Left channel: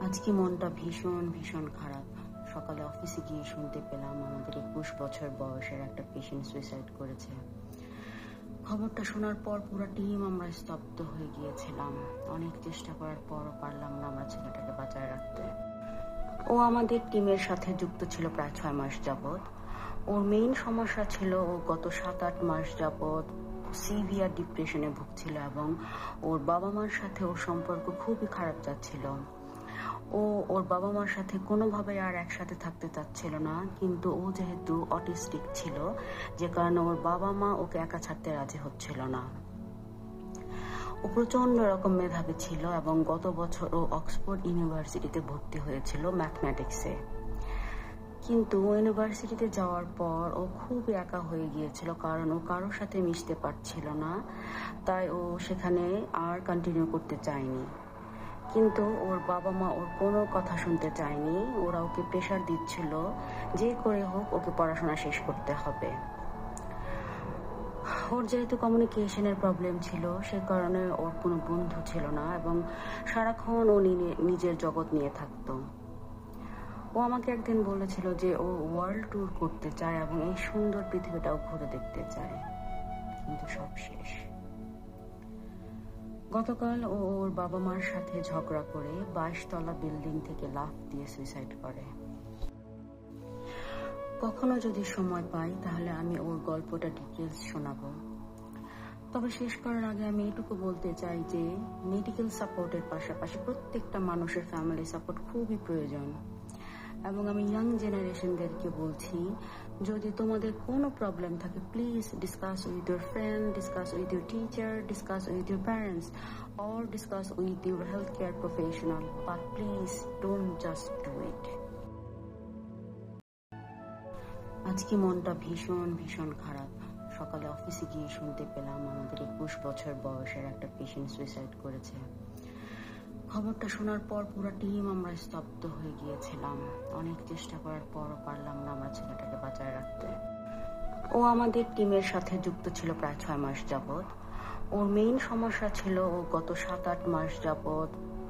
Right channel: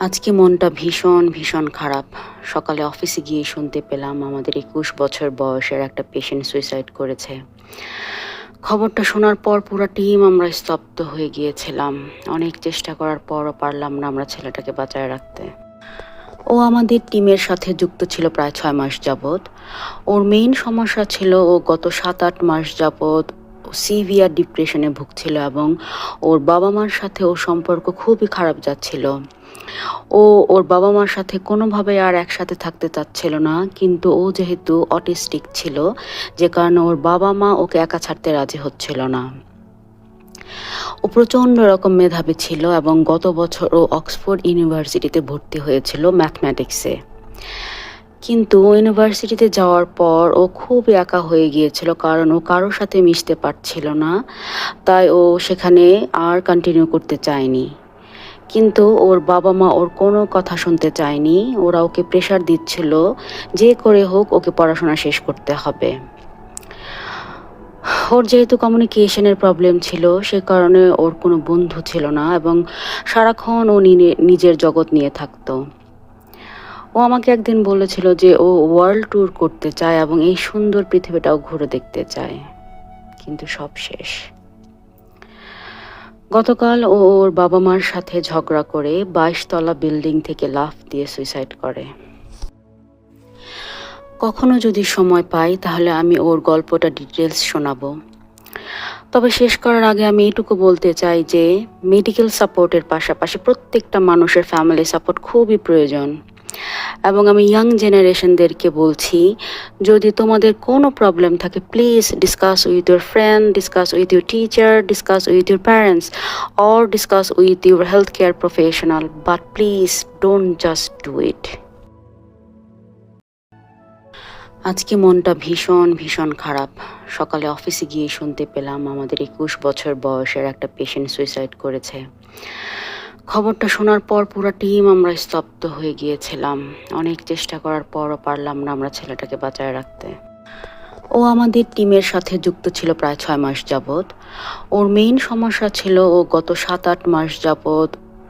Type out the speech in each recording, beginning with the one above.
আজকে মনটা ভীষণ ভীষণ খারাপ। সকালে অফিসে গিয়ে শুনতে পেলাম আমাদের ২১ বছর বয়সের একটা পেশেন্ট সুইসাইড করেছে। খবরটা শোনার পর পুরো টিম আমরা স্তব্ধ হয়ে গিয়েছিলাম। অনেক চেষ্টা করার পরও পারলাম না আমরা ছেলেটাকে বাঁচায় রাখতে। ও আমাদের টিমের সাথে যুক্ত ছিল প্রায় ৬ মাস যাবৎ। ওর মেইন সমস্যা ছিল ও গত ৭-৮ মাস যাবৎ সিভিয়ার ডিপ্রেশনে ভুগছিল এবং ওর বাবা-মার সাথে ওর সম্পর্ক খুবই খারাপ যাচ্ছিল। ও ওর বাবা-মার সাথে কোনোভাবে আর একসাথে থাকতে চাচ্ছিল না। কিন্তু ও যেহেতু অটিস্টিক ছিল, যে কারণে ওর বাবা-মা ওকে একা ছাড়তে রাজি হচ্ছিল না। ও প্রচণ্ড রকম মেধাবী ছিল এবং গত বছর ও অক্সফোর্ড ইউনিভার্সিটিতে ভর্তি হয়েছিল ম্যাথমেটিক্সে। কিন্তু ইউনিভার্সিটিতে যাওয়ার পর ও খুবই একা হয়ে গিয়েছিল, কারণ ও কারোর সাথে মিশতে পারছিল না। তাই ও সেখানে আর কন্টিনিউ করতে চায়নি। কিন্তু ওর বাবা-মা ওর কোনো কথা শুনতে চায়নি। ওরা ওকে প্রেশার দিচ্ছিল, যে করে হোক ওকে পড়াশোনা শেষ করতে হবে। ওর যেহেতু কমিউনিকেশনের প্রবলেম ছিল, সে কারণে ওর কোনো বন্ধু ছিল না এবং সারাক্ষণ ও নিজের জগৎ নিয়ে থাকতো। ও আমাকে একদিন বলেছিল যে ও ওয়ার্ল্ড ট্যুর করতে চায় এবং এই সুন্দর পৃথিবীটাও ঘুরে দেখতে চায়। কিন্তু সব শেষ। গতকাল ও ওর বাবা-মার সাথে ঝগড়া করে ২২ তলা বিল্ডিং থেকে লাফ দিয়ে সুইসাইড করে। কখনো যদি সময় পাই তাহলে আমি ওর গল্পটা ডিটেলস শোনাবো। তবে শেষ করার আগে আমি এটুকু বলতে চাই যে মেডিকেল সাপোর্টের পাশাপাশি প্রত্যেকটা মানুষের ফ্যামিলি সাপোর্ট খুবই প্রয়োজন। এবং আমি ইয়াং জেনারেশনদেরকে বলছি, যদি তোমাদের কোনো প্রবলেম থাকে please discuss with your friend, discuss with your teacher, discuss with your parents or discuss with your health care professional, but please don't just do it. আজকে মনটা ভীষণ ভীষণ খারাপ। সকালে অফিসে গিয়ে শুনতে পেলাম আমাদের ২১ বছর বয়সের একটা পেশেন্ট সুইসাইড করেছে। খবরটা শোনার পর পুরো টিম আমরা স্তব্ধ হয়ে গিয়েছিলাম। অনেক চেষ্টা করার পরও পারলাম না আমরা ছেলেটাকে বাঁচায় রাখতে। ও আমাদের টিমের সাথে যুক্ত ছিল প্রায় ৬ মাস যাবৎ। ওর মেইন সমস্যা ছিল ও গত ৭-৮ মাস যাবৎ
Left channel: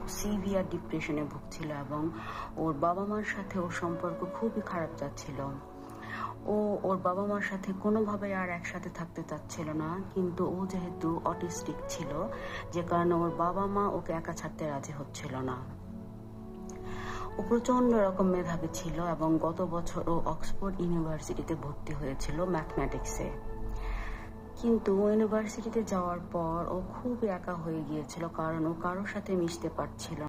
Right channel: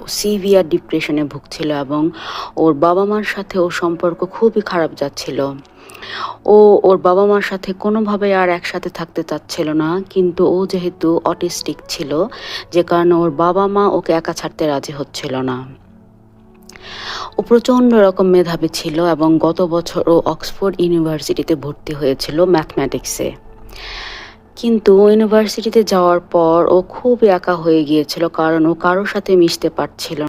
সিভিয়ার ডিপ্রেশনে ভুগছিল এবং ওর বাবা-মার সাথে ওর সম্পর্ক খুবই খারাপ যাচ্ছিল। ও ওর বাবা-মার সাথে কোনোভাবে আর একসাথে থাকতে চাচ্ছিল না। কিন্তু ও যেহেতু অটিস্টিক ছিল, যে কারণে ওর বাবা-মা ওকে একা ছাড়তে রাজি হচ্ছিল না। ও প্রচণ্ড রকম মেধাবী ছিল এবং গত বছর ও অক্সফোর্ড ইউনিভার্সিটিতে ভর্তি হয়েছিল ম্যাথমেটিক্সে। কিন্তু ইউনিভার্সিটিতে যাওয়ার পর ও খুবই একা হয়ে গিয়েছিল, কারণ ও কারোর সাথে মিশতে পারছিল না।